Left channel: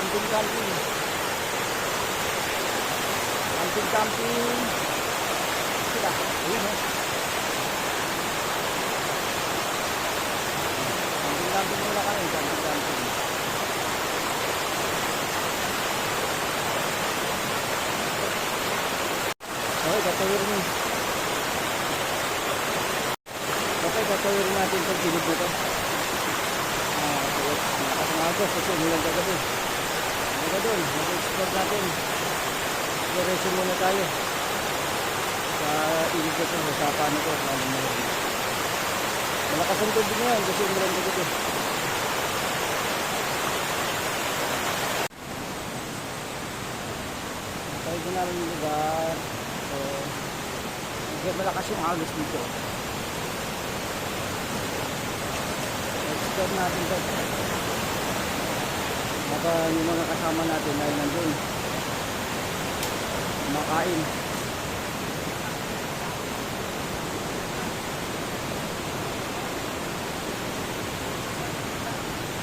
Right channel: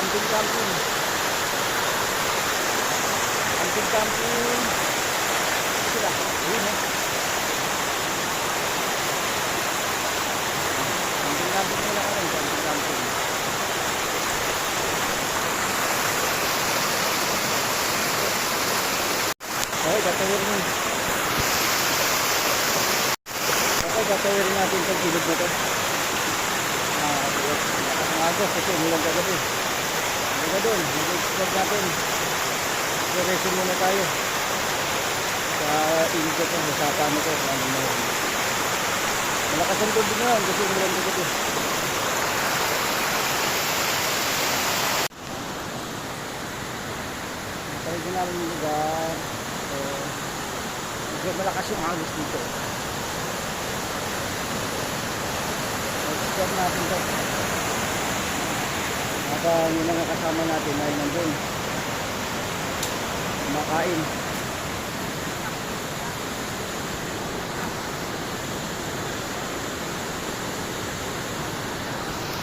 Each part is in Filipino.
Camping, camping. Camping, camping. Sila. Ayun eh. Camping, camping muna kami. Camping, camping. Okay, tatawirin. Okay, tatawirin natin itong na to. Ah, okay. Lakas ng agos kasi umulan kagabi. Hanggang na doon, mag-explore natin. Exploration muna tayo. Sa ilog na to, sa sapa na yun. Malakas ang tubig ngayon kasi umulan kagabi. Nakarinig na namin yung lugar. Medyo malakas yung agos dito. Explore natin to. Habang yung mga kasama natin ay nandun. Kumakain.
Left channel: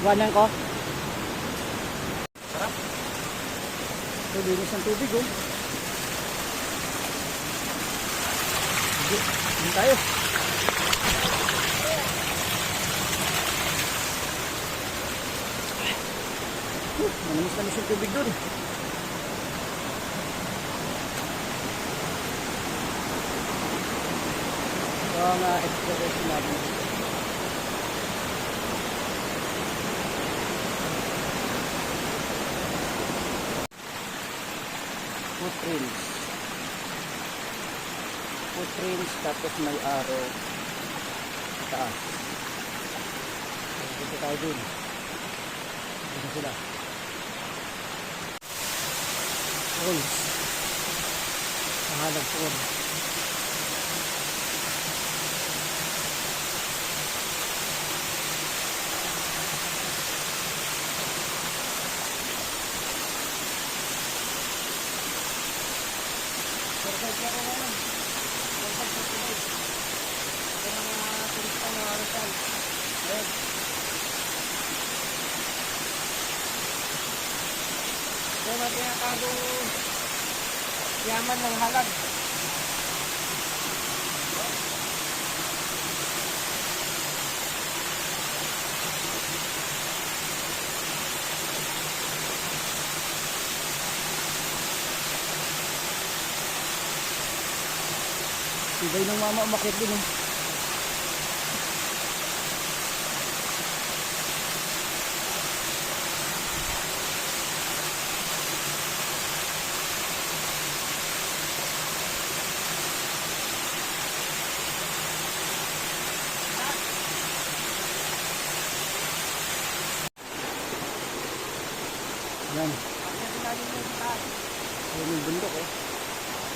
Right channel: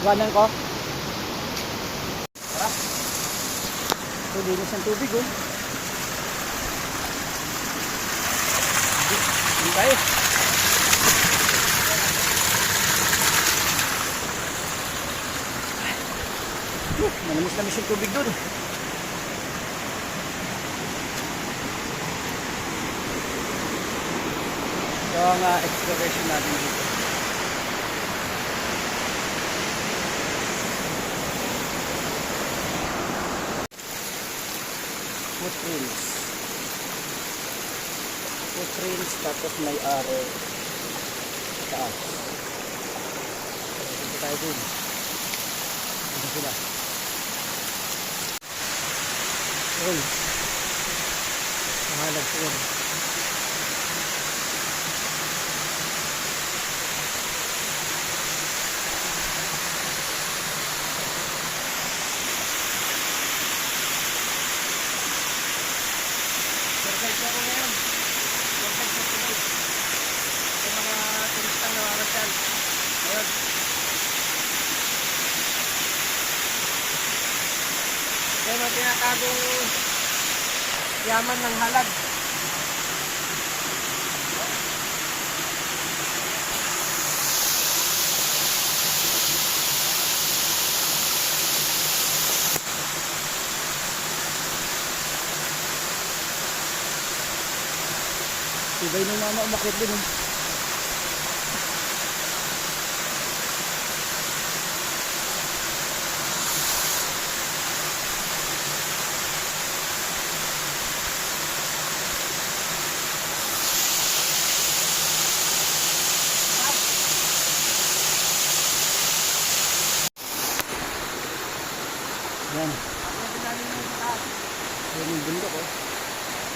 Ganan ko. Tara. Ito, linis ng tubig oh. Hindi, Uh, Manamis-namis yung tubig doon. So, ang uh, exploration natin dito. Footprints. Footprints tapos may arrow taas. So, dito tayo dun. Dito sila rolls. Mahalagang 4. Mga tinatagong yaman ng halag. Ibay ng mama umakit din eh. Yan. Yan yung bundok oh.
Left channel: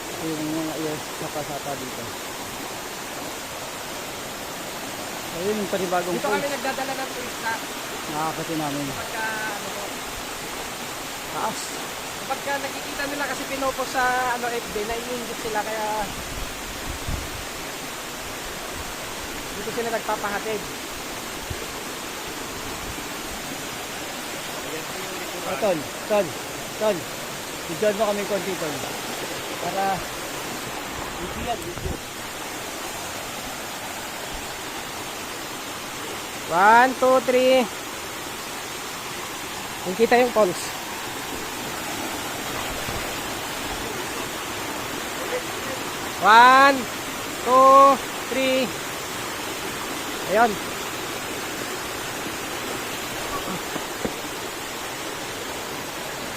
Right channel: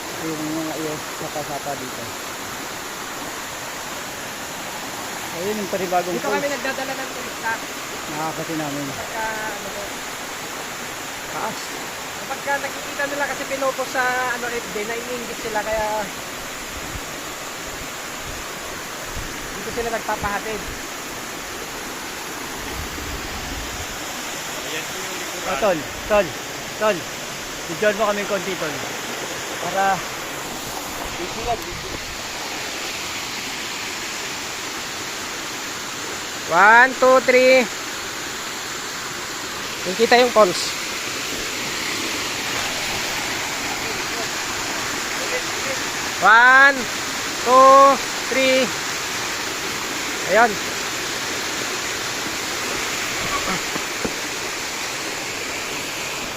Ito yung mga iya sapa-sapa dito. Ayun yung panibagong Dito kami nagdadala ng turista Nakakati namin. kapagka ano po, Taas. kapagka nakikita nila kasi pinopo sa ano FB, naiingit sila kaya dito sila nagpapahatid. Oh, tol, tol, tol. Bidyon mo kami konti, tol. Para video lang, video. One, two, three. Nakikita yung falls. One, two, three. Ayun.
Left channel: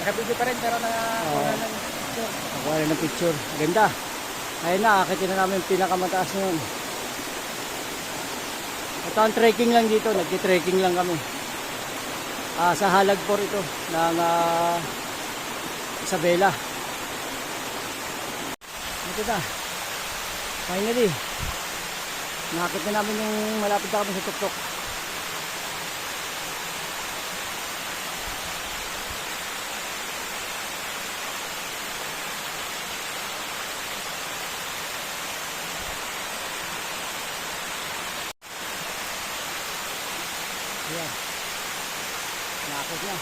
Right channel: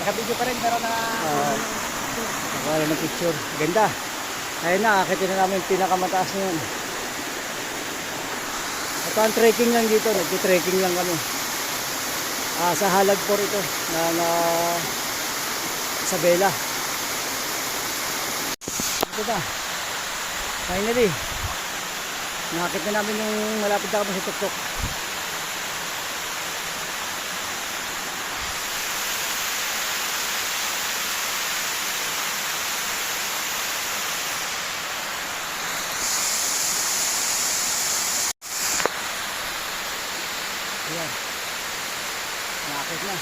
Nakabidyo pa rin para na... Oo. Nakuha na ng picture. Ganda. Ayun na, akitin na namin yung pinakamataas na yun. Ito ang trekking lang dito. Nagki-trekking lang kami. Ah, sa Halagpor ito ng ah, Isabela. Ito na. Finally. Nakakit na namin yung malapit na kami sa tuktok. Ayan. Nakakit na.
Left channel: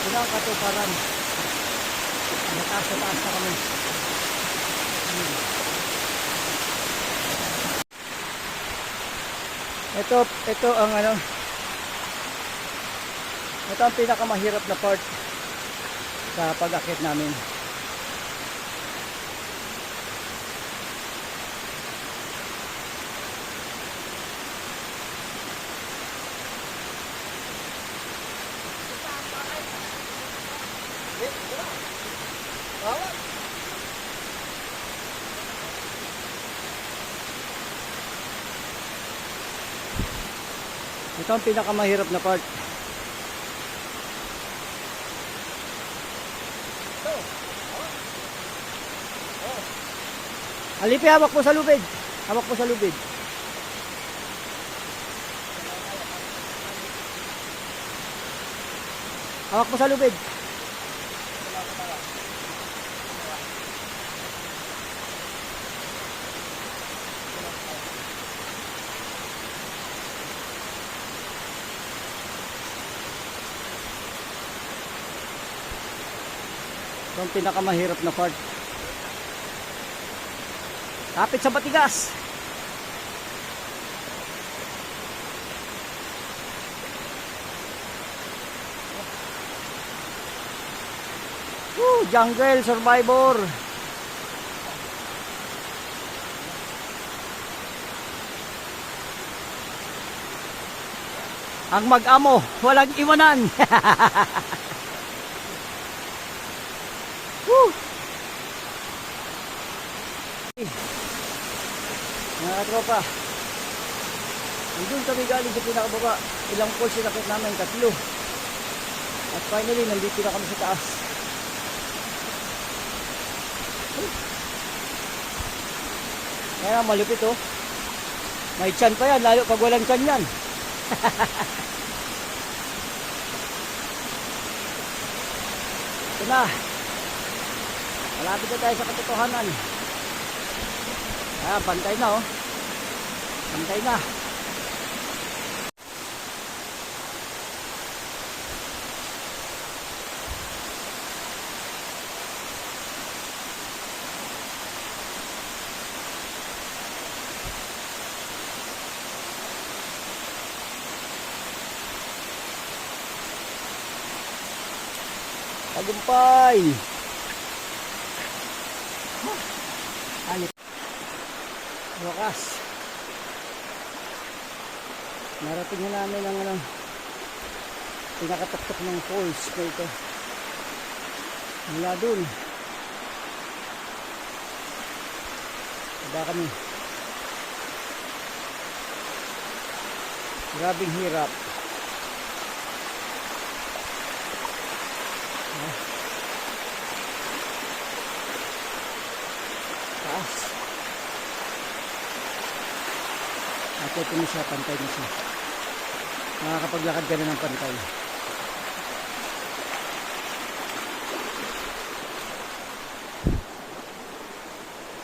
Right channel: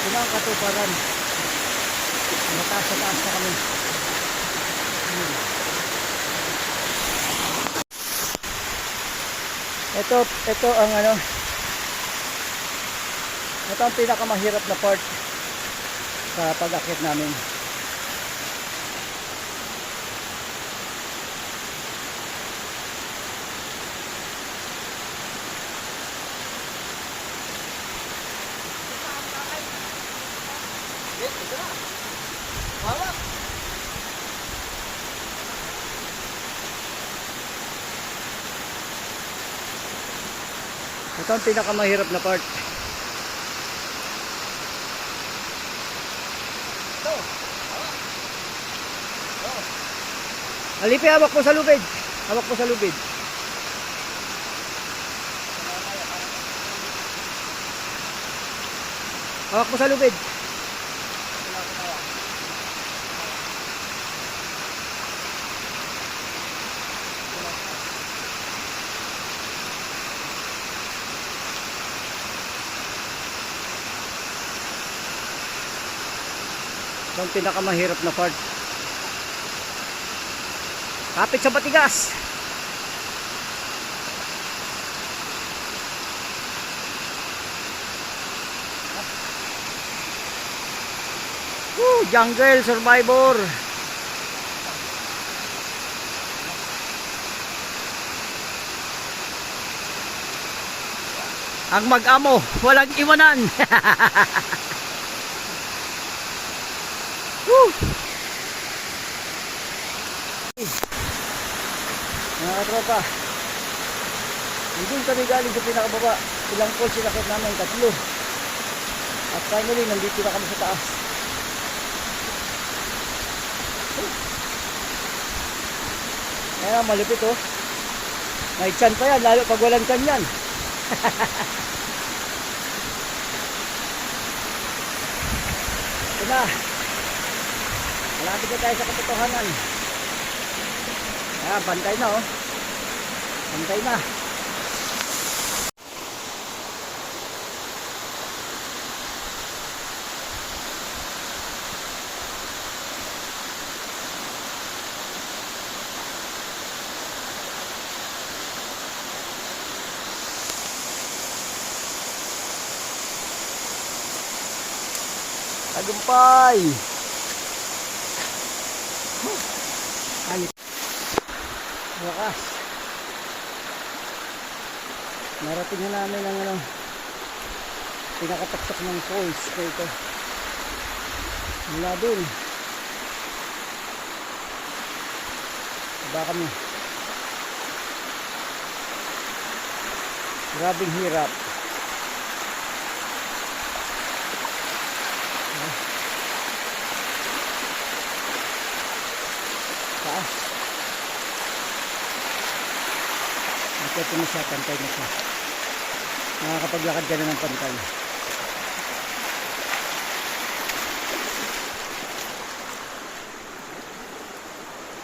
Ito ang katuparan. Mataas na taas na kami. Ito, ito ang ano, ito ang pinakamahirap na part sa pag-akit namin. Ito ang pinakamahirap na part. Alipi, hawak mo sa lubid. Hawak mo sa lubid. Hawak mo sa lubid. Ito ang pinakamahirap na part. Kapit sa batigas. Woo, jungle survivor. Ang mag-amo, walang iwanan. Mga katropa, nandun kami galing sa pinakababa. Ilang poles sinakit namin, tatlo. At finally, nandito na kami sa taas. Kaya malupit oh. May chan pa yan, lalo pag walang chan yan. Ito na. Malapit na tayo sa katotohanan. Ah, bantay na oh. Bantay na. Tagumpay! Alit. Wakas. Narating na namin ang ano, pinakatok ng falls na ito. Mula dun. Baba kami. Grabing hirap. Ah. Taas. Ito na siya, pantay na siya. Nakakapaglakad ka na ng pantay.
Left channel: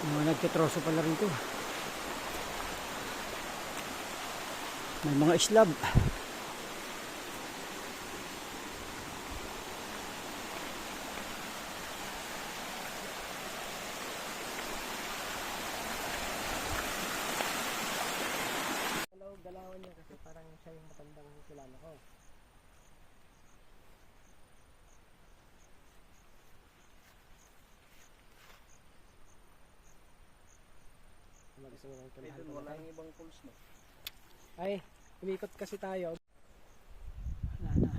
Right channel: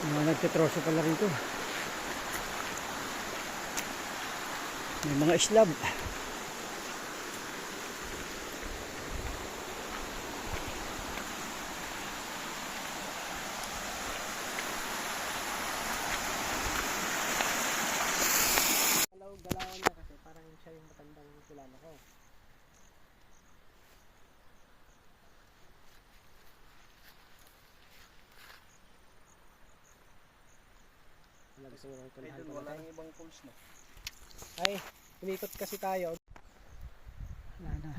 Mga nagtitroso pala rito. May mga islab. Galaw-galawan niya kasi parang siya yung matandang kilala ko. Wala gusto mo puntahan pa natin. ibang falls na. Ay, umikot kasi tayo. Wala na.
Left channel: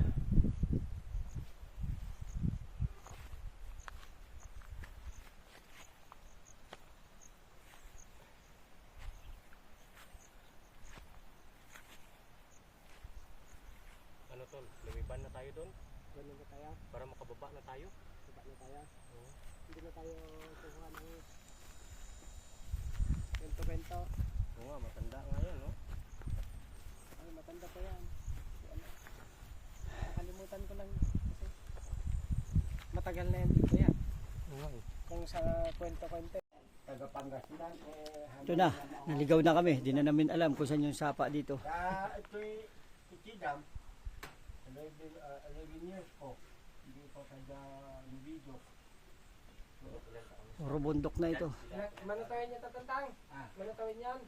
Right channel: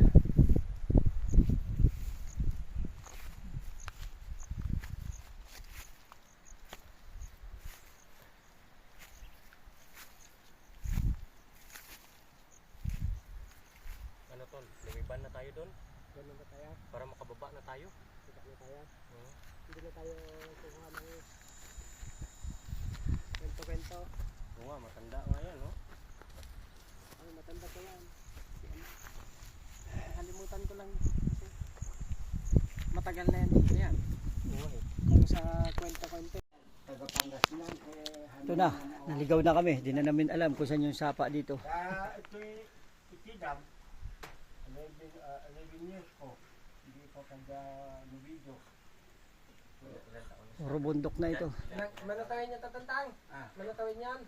Ano tol, lumiban na tayo doon Ganun ba tayo? para makababa na tayo. Kita na tayo. Oo. Hindi na tayo kukuha ng kwento-kwento. Oo nga, matanda nga yan, no? Ay, matanda pa yan. Si ano? Nakalimutan ko lang. Matagal na yan dito yan. Eh. Kung sa kwento-kwento. Ito na, naligaw na kami. Di na namin alam kung saan yung sapa dito. Ah, ito'y Ikidam. 11, uh, 11 years ko. Hindi Taga Lubido. Puro bundok na ito. Manatawin niya tatantang. Ah. Manatawin yan.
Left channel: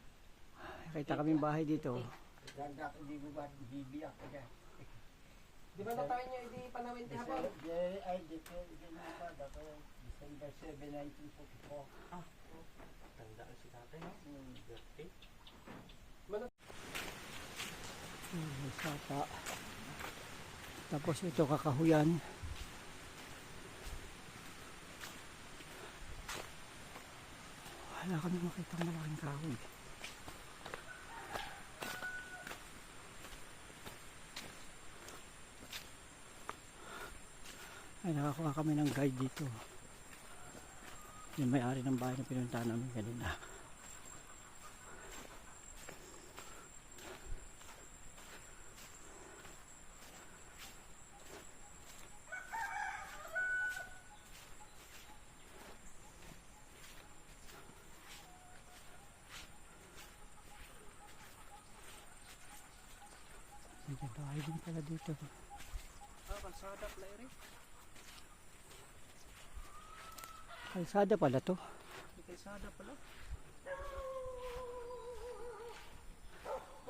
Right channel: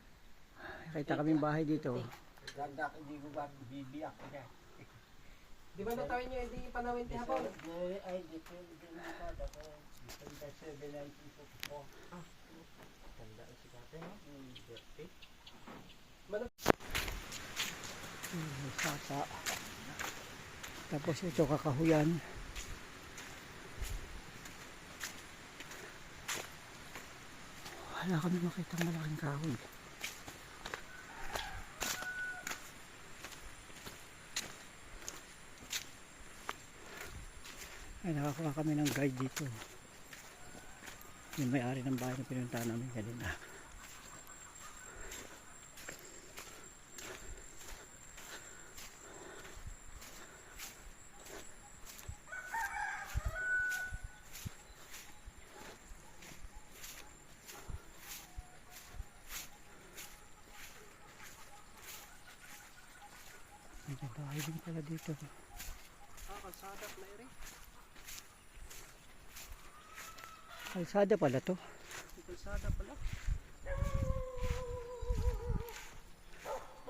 Kita kaming bahay dito. Ganda ko di ko ba bibiyak niya. Di ba natawin niyo hindi panawin ti hapon? Ay, dito, dito na ako. Dito, December 7, 1964. Tanda si tatay, no? Birthday. May sapa. Tapos ito kakahuyan. Wala kami makita malaking kahoy. Ay nakakuha kami ng guide dito. Yung may-ari ng bahay na pinuntahan namin kanina. May bahay din pala dito. Ah, kalsada pala rin. Kalsada pala to. Kalsada pala.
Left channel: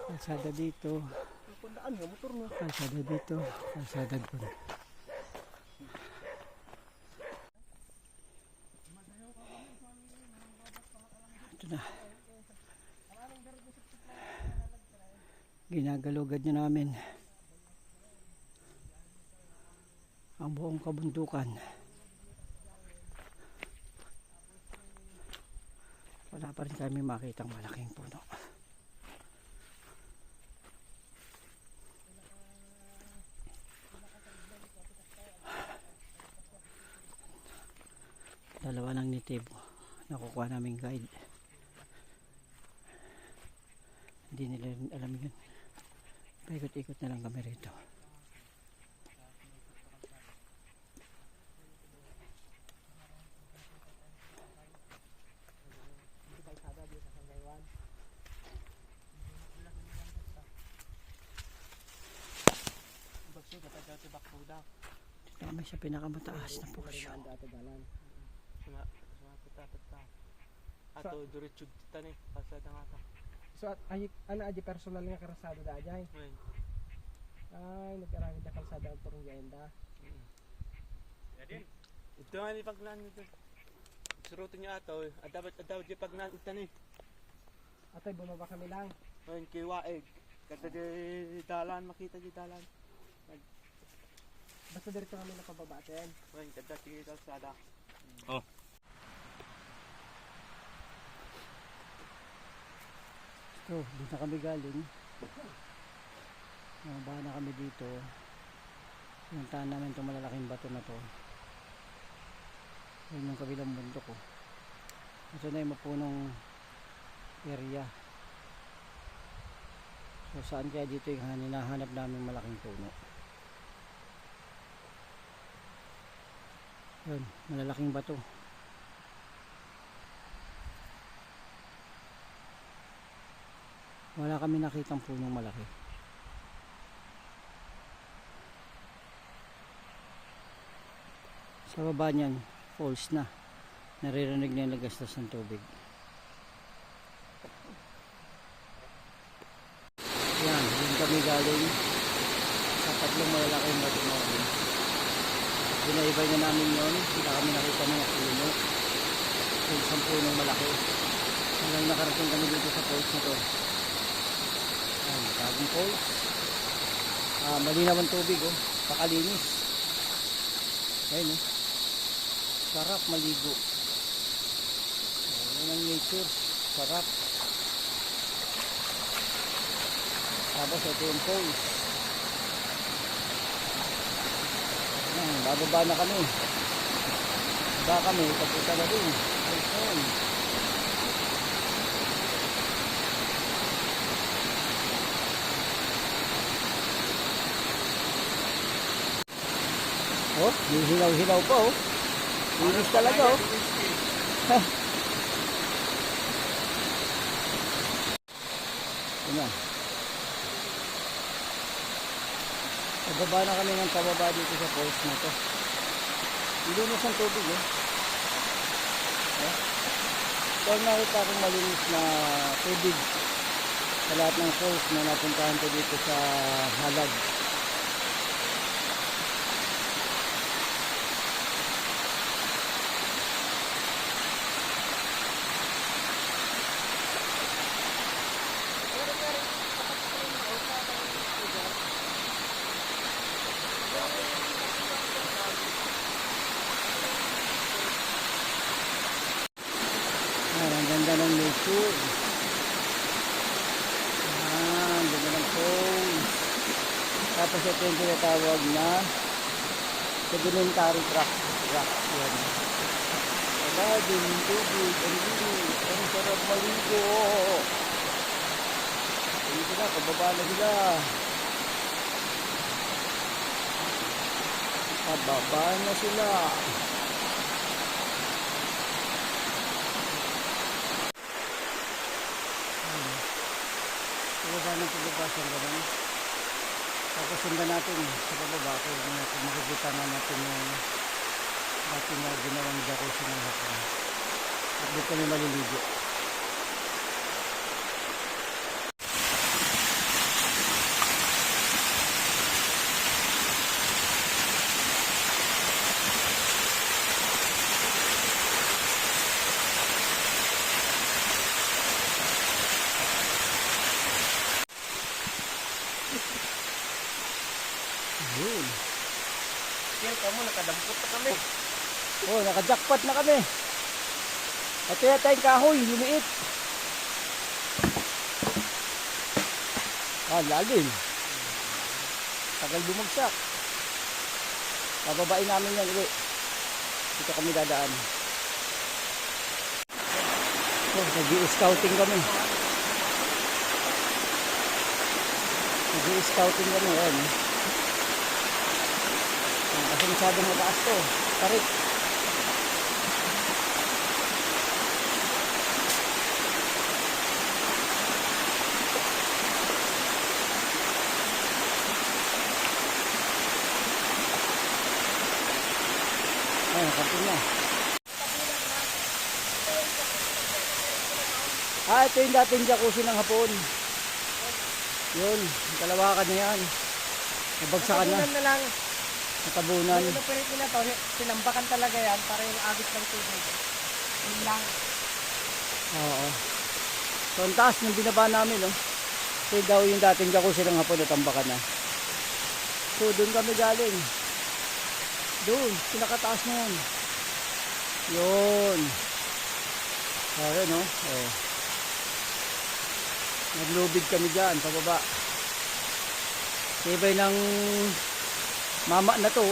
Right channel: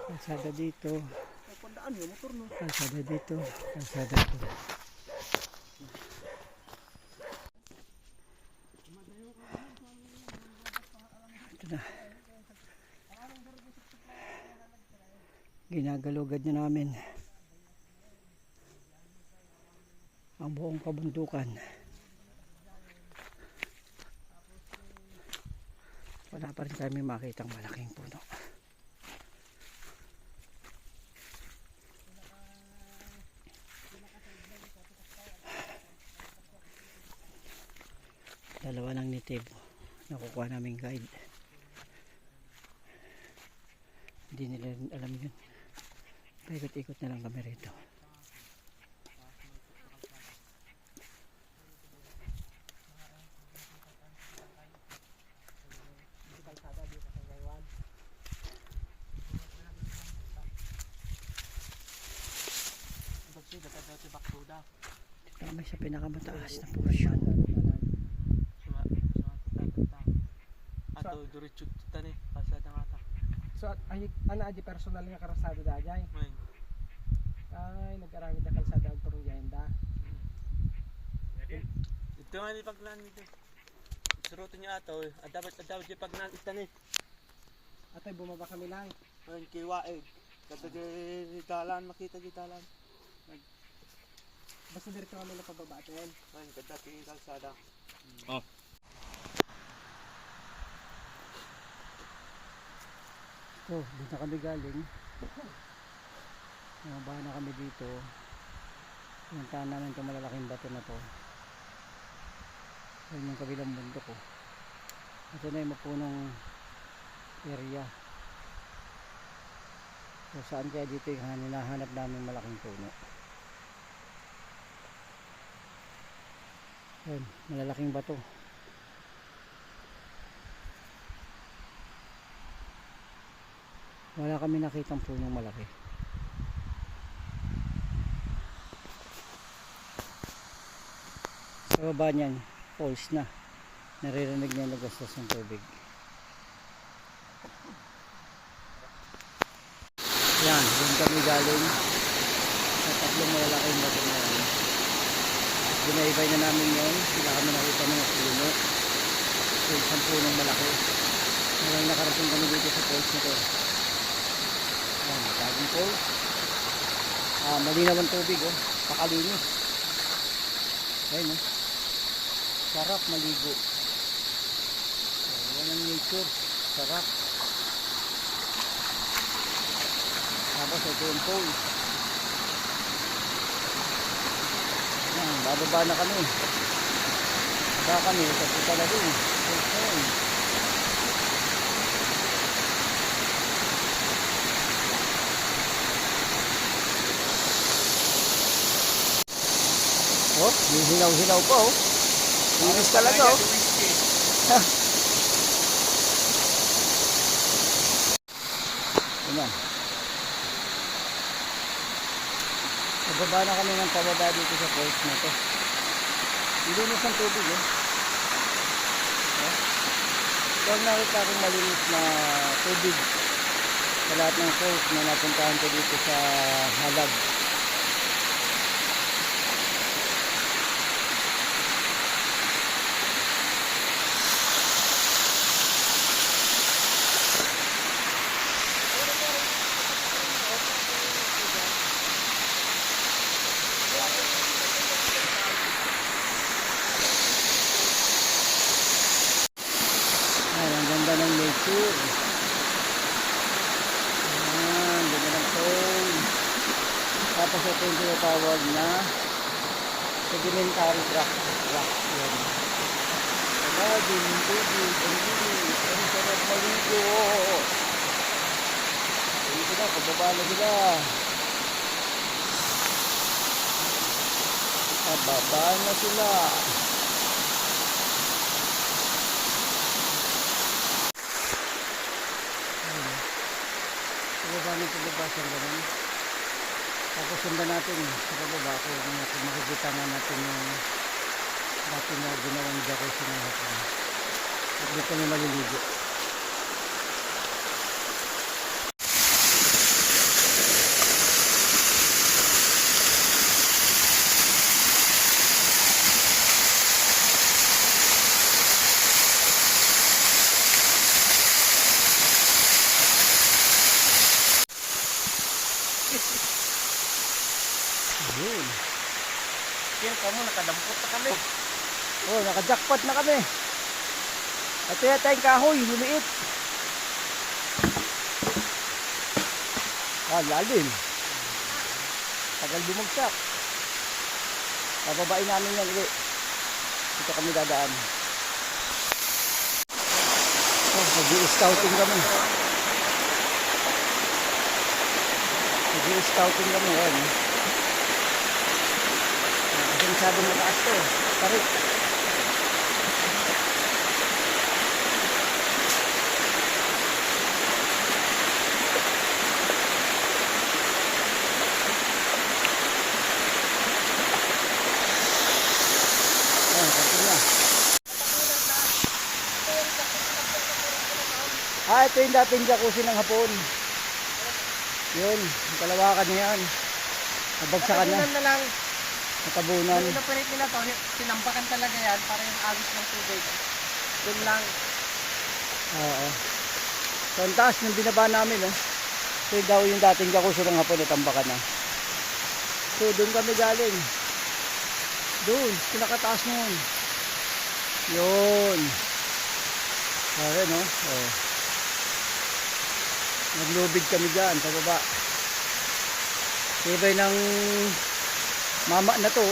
Kalsada dito. Ang kundaan yung motor no. Kalsada dito. Kalsada dito. Ito na. Ginagalugad na namin ang buong kabundukan. Wala pa rin kami makitang malaking puno. dalawa lang native nakukuha namin guide. Hindi nila alam yun. Paikot-ikot na lang kami rito May kalsada dito sa Gaywan. Bagsi dapat daw si Bakruda. dito kami sa pinakamataas na portion Suma, suma tatanta. Ato, diretso kita ni. Pasada nga ta. So at ay ana aji personal nga karasado da ajay. Ngayon. Ay nag-aramid na kalsada ang turuyenda. Ito nga ni paglaan nito. Suruto niya ato. Adabat, adabat yung paglaan ito ni. Atoy bumaba kami lang. Ngayon, kay Waeg. Kata di dalan, makita di dalan. Basta diretso kami na pababa atin. Ngayon, kada kay kalsada. ito doon na kami galing. Bumaba na kami dito. Pinuntahan namin itong malalaking bato na to. Yun yung kabilang bundok ko ito na yung mapunong area. So saan kaya dito yung hinahanap namin malaking puno yun malalaking bato. Wala kami nakitang punong malaki. Sa baba niyan falls na. Naririnig niya nagastos ng tubig. Yan doon kami galing sa tatlong malalaking bato na yan binaybay na namin yon hindi kami nakita mga puno so isang punong malaki hanggang nakarating kami dito sa falls na to Ayan, bagong falls. Ah, malinaw ang tubig, oh. Pakalinis. Ayun, oh. Sarap maligo. Oh, yan ang nature. Sarap. Tapos ito yung falls. Bababa na kami. Bababa kami, papunta na na yun. Oh, may hilaw-hilaw pa oh. Linis talaga oh. Pababa na kami ng pababa dito sa falls na to. Linis ng tubig eh. Eh? Ang nakita kong malinis na tubig sa lahat ng falls na napuntahan ko dito sa Halag. Ayan, ang ganda ng nature. Ayan, ganda ng falls. Tapos ito yung tinatawag na sedimentary rock. rock. Yan. Sabagin, tubig, ang linis, ang sarap maligo. Dito na, pababa na sila. Pababa na sila. Pababa ng pababa siya ganun. Tapos sundan natin sa pababa kung, kung makikita nga natin yung dati na ginawang jacuzzi ng hapon. At dito kami maliligo. Yun. Yan ka mo, nakadampot na kami. Oh, naka-jackpot na kami. Ito yata kahoy, limiit. Ah, lalim. Tagal bumagsak. Pababain namin yan ulit. Dito kami dadaan. Oh, nag-i-scouting kami. Nag-i-scouting kami. Ayan. Kasi masyadong mataas to. Tarik. Oh, kantin na. Ah, ito yung dating jacuzzi ng hapon. Yun, kalawakan niya yan. Nabagsakan na, na lang. Natabunan. Yung inoperate nila to, tinambakan talaga yan para yung agis ng tubig. Yun lang. Oo. So, ang taas ng binaba namin, no? Ito yung daw yung dating jacuzzi ng hapon, natambakan na. So, doon kami galing. Doon, pinakataas nun. Yun. Pare, no? Oh. Naglubid kami dyan, pababa. Tibay ng mama na to.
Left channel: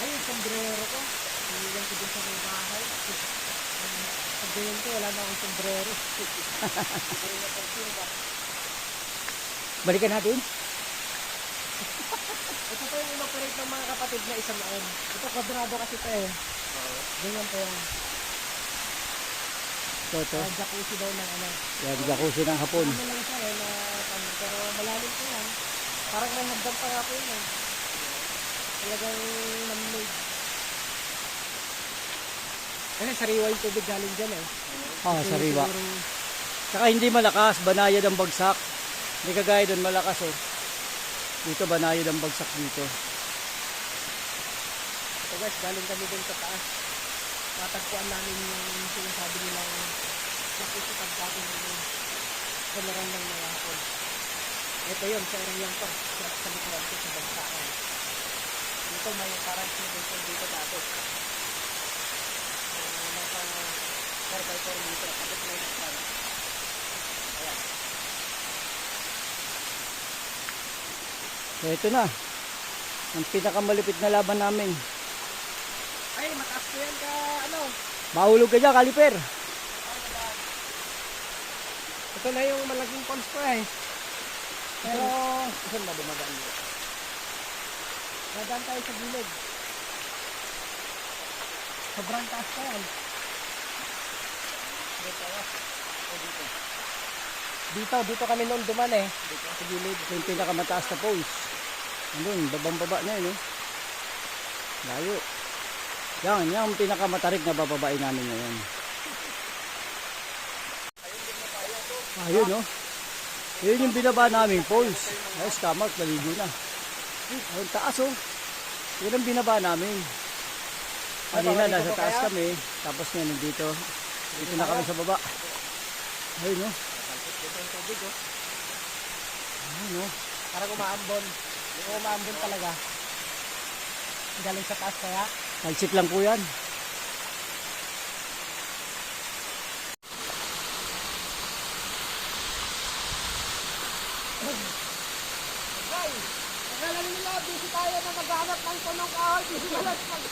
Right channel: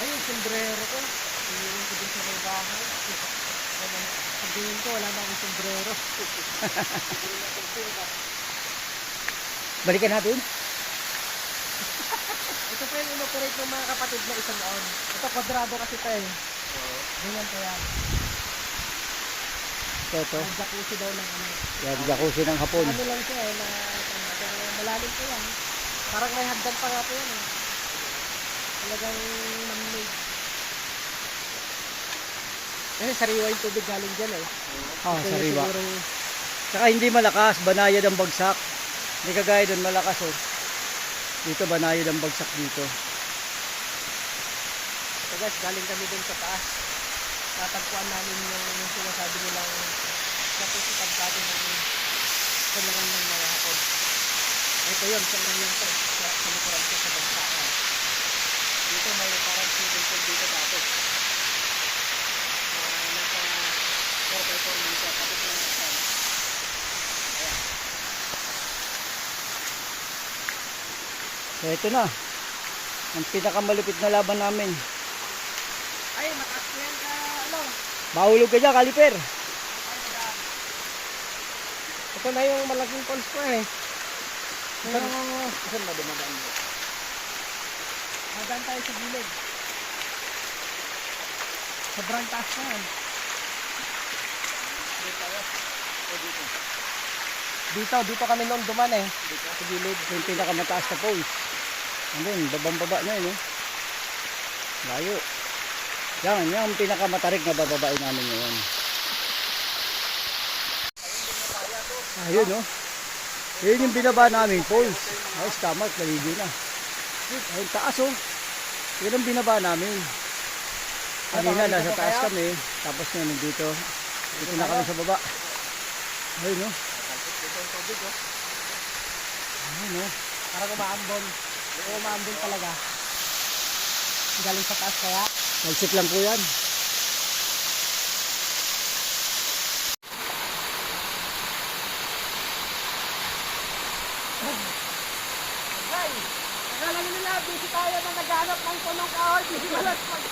Ay, yung sombrero ko. Iniwan ko dun sa may bahay. Sabihin ko, wala na akong sombrero. Balikan natin. Ito pa yung inoperate ng mga kapatid na isang noon. Ito, kwadrado kasi ito eh. Ganyan pa yan. Ito, ito. Ang jacuzzi daw ng ano. Yan, jacuzzi ng hapon. Ano lang siya eh, na malalim po yan. Parang may hagdan pa nga po yan eh. Talagang man-made. Kasi sariwa yung tubig galing dyan eh. Ah, Kaya sariwa. sigurong- Tsaka hindi malakas, banayad ang bagsak. Hindi kagaya doon malakas oh. Dito banayad ang bagsak dito. So guys, galing kami dun sa taas. Tatagpuan namin yung sinasabi nilang jacuzzi pagkati ng kalaran ng mga hapon. Ito yun, sa area to. Sa, sa likuran ko, sa bantaan. Dito may parang swimming pool dito dati. Uh, nasa 4x4 meter. Tapos may nasa Ayan. So ito na. Ang pinakamalupit na laban namin. Ay, mataas ko yan ka, ano? Mahulog ka dyan, kaliper. Ito na yung malaking falls ko eh. Saan, Ah, saan ba dumadaan mo? Madaan tayo sa gilid. Sobrang taas pa yan. Dito tayo. O dito. Dito, dito kami noon duman eh. Dito sa gilid. yung pinakamataas na post. Andun, babang baba na yun, oh. Layo. Yan, yan ang pinakamatarik na bababae namin ngayon. Ayun, oh. Yun yung binaba namin, falls. Ayos, tama, kaligo na. Ayun, taas, oh. Yun ang binaba namin. Kanina, nasa taas kami. Tapos ngayon, nandito. Dito na kami sa baba. Ayun, oh. Ito ang tubig, oh. Ayun, oh. Parang umaambon. Oo, umaambon talaga. Galing sa taas kaya. Talsik lang po yan. ang tanong ko, hindi malasag.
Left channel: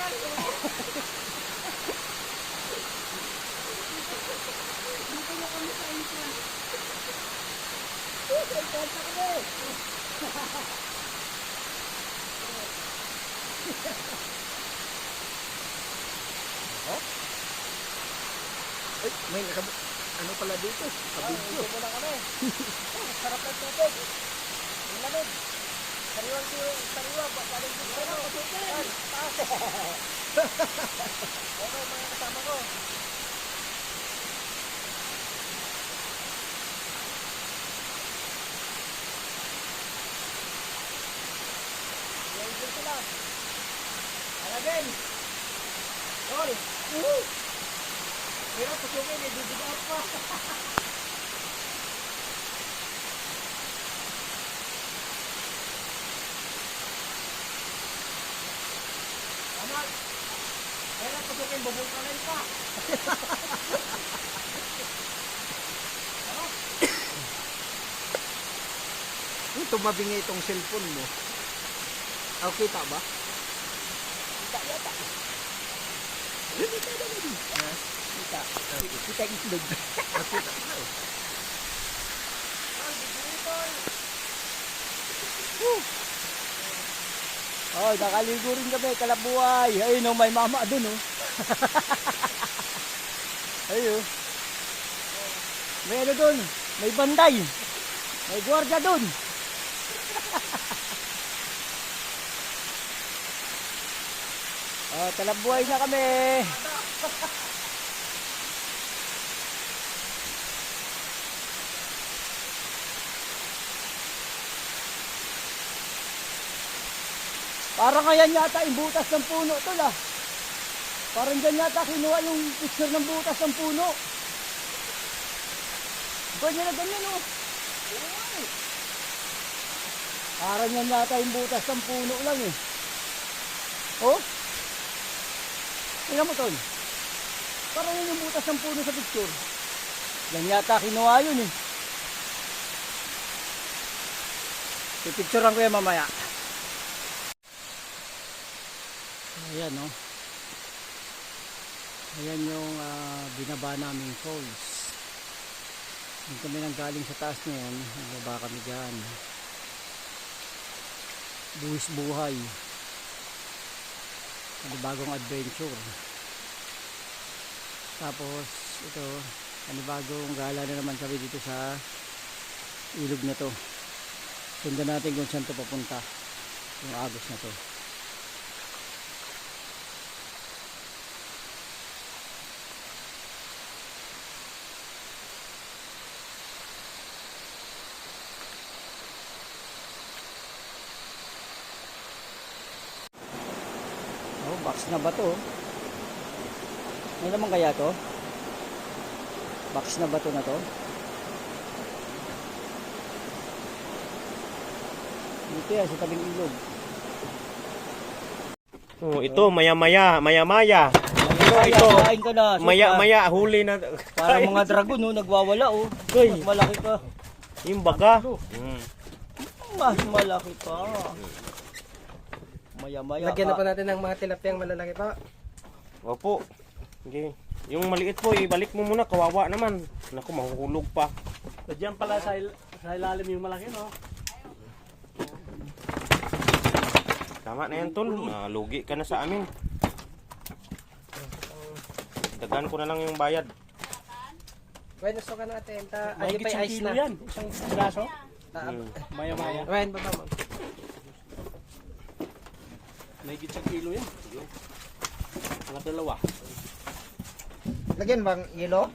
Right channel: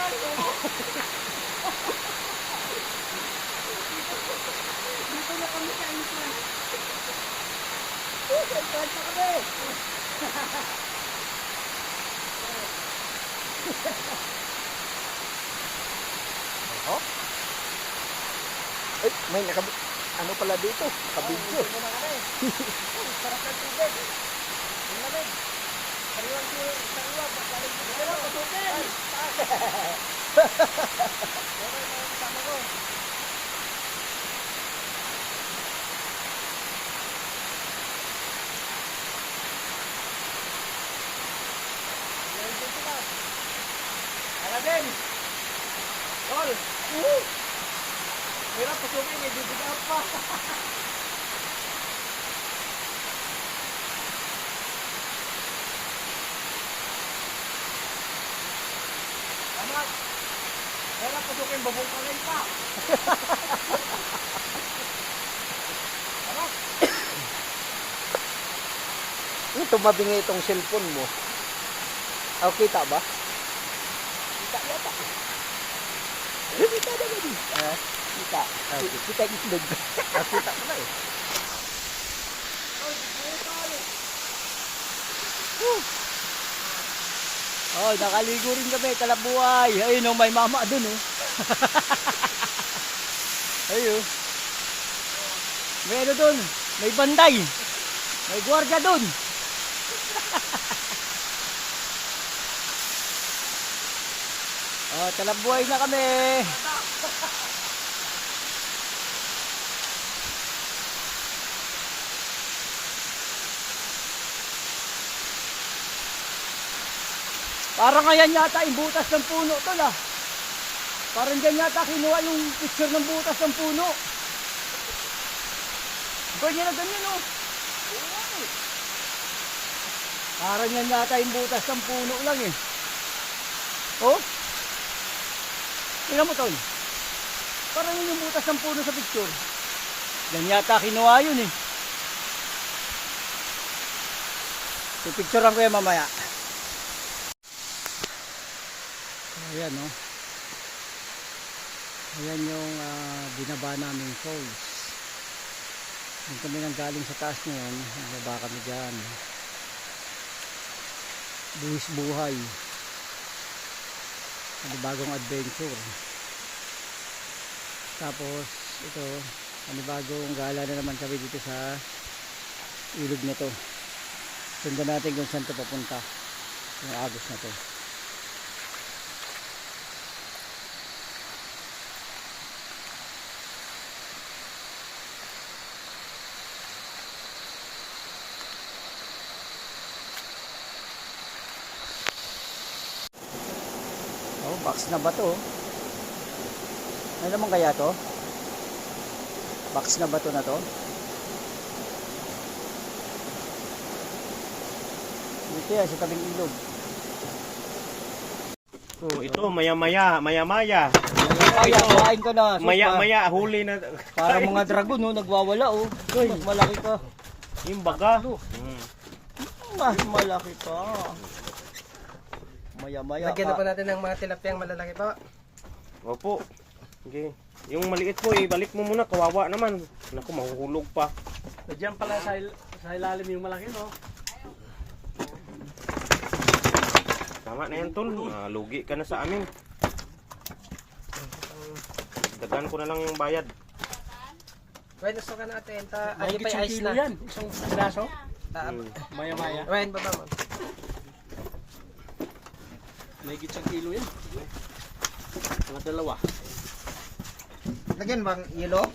Naghanap ng tulong kahoy. Busy wala. Eh, may nakab... Ano pala dito? Kabidyo. Sarap ng tubig. Ang lamig. Sariwang tubig. Sariwang. Galing dito. Sariwang tubig. Okay, mga kasama ko. Alagin. Tol. Woo! Hirap pasukin. Ibibigat pa. Tama. Pasukin, babungkalay pa. Yung tumabingi itong cellphone mo. Oh, kita ba? Kita yata. Eh, kita na din. Ah, kita. Kita yung islog. Ah, kita ko na eh. Oh, nakaligo rin kami, kalabuhay. Ayun oh, may mama dun oh. Ayun. May ano dun, may banday. May gwardiya dun. oh, talabuhay na kami. Parang ayan yata yung butas ng puno to lah. Parang dyan yata kinuha yung picture ng butas ng puno. Ganyan na ganyan oh. Parang yan yata yung butas ng puno lang eh. Oh? Tingnan mo tol. Parang yun yung butas ng puno sa picture. Yan yata kinuha yun eh. Pipicturean ko yan mamaya. Ayan no. Ayan yung ah, binaba naming falls. Kung kami nang galing sa taas ngayon, nagbaba kami dyan. Buwis buhay. Panibagong adventure. Tapos, ito, panibagong gala na naman kami dito sa ilog na to. Sundan natin kung saan to papunta. Yung agos na to. Box na ba to? Ano naman kaya to? Box na ba to na to? Dito yan, sa tabing ilog. Oh, ito, maya-maya, maya-maya. Kaya, ito. kain ka na. Maya-maya, huli na. Parang mga dragon, no? Nagwawala, oh. Mas malaki ka. Yung baga. Mm. Mas malaki ka. Maya-maya Lagyan na po ka. natin ng mga tilapiyang malalaki po. Opo. Okay. Yung maliit po, ibalik mo muna. Kawawa naman. Naku, mahuhulog pa. Diyan pala sa, il- sa ilalim yung malaki, no? Tama na yan, tol. Malugi ka na sa amin. Dagan ko na lang yung bayad. Ryan, gusto ka natin. Ta, ano pa yung ice na? yan. Isang piraso. Ah, Mm. Maya-maya. Ryan, baba mo. May isang kilo yan. Mga dalawa. Lagyan bang yelo?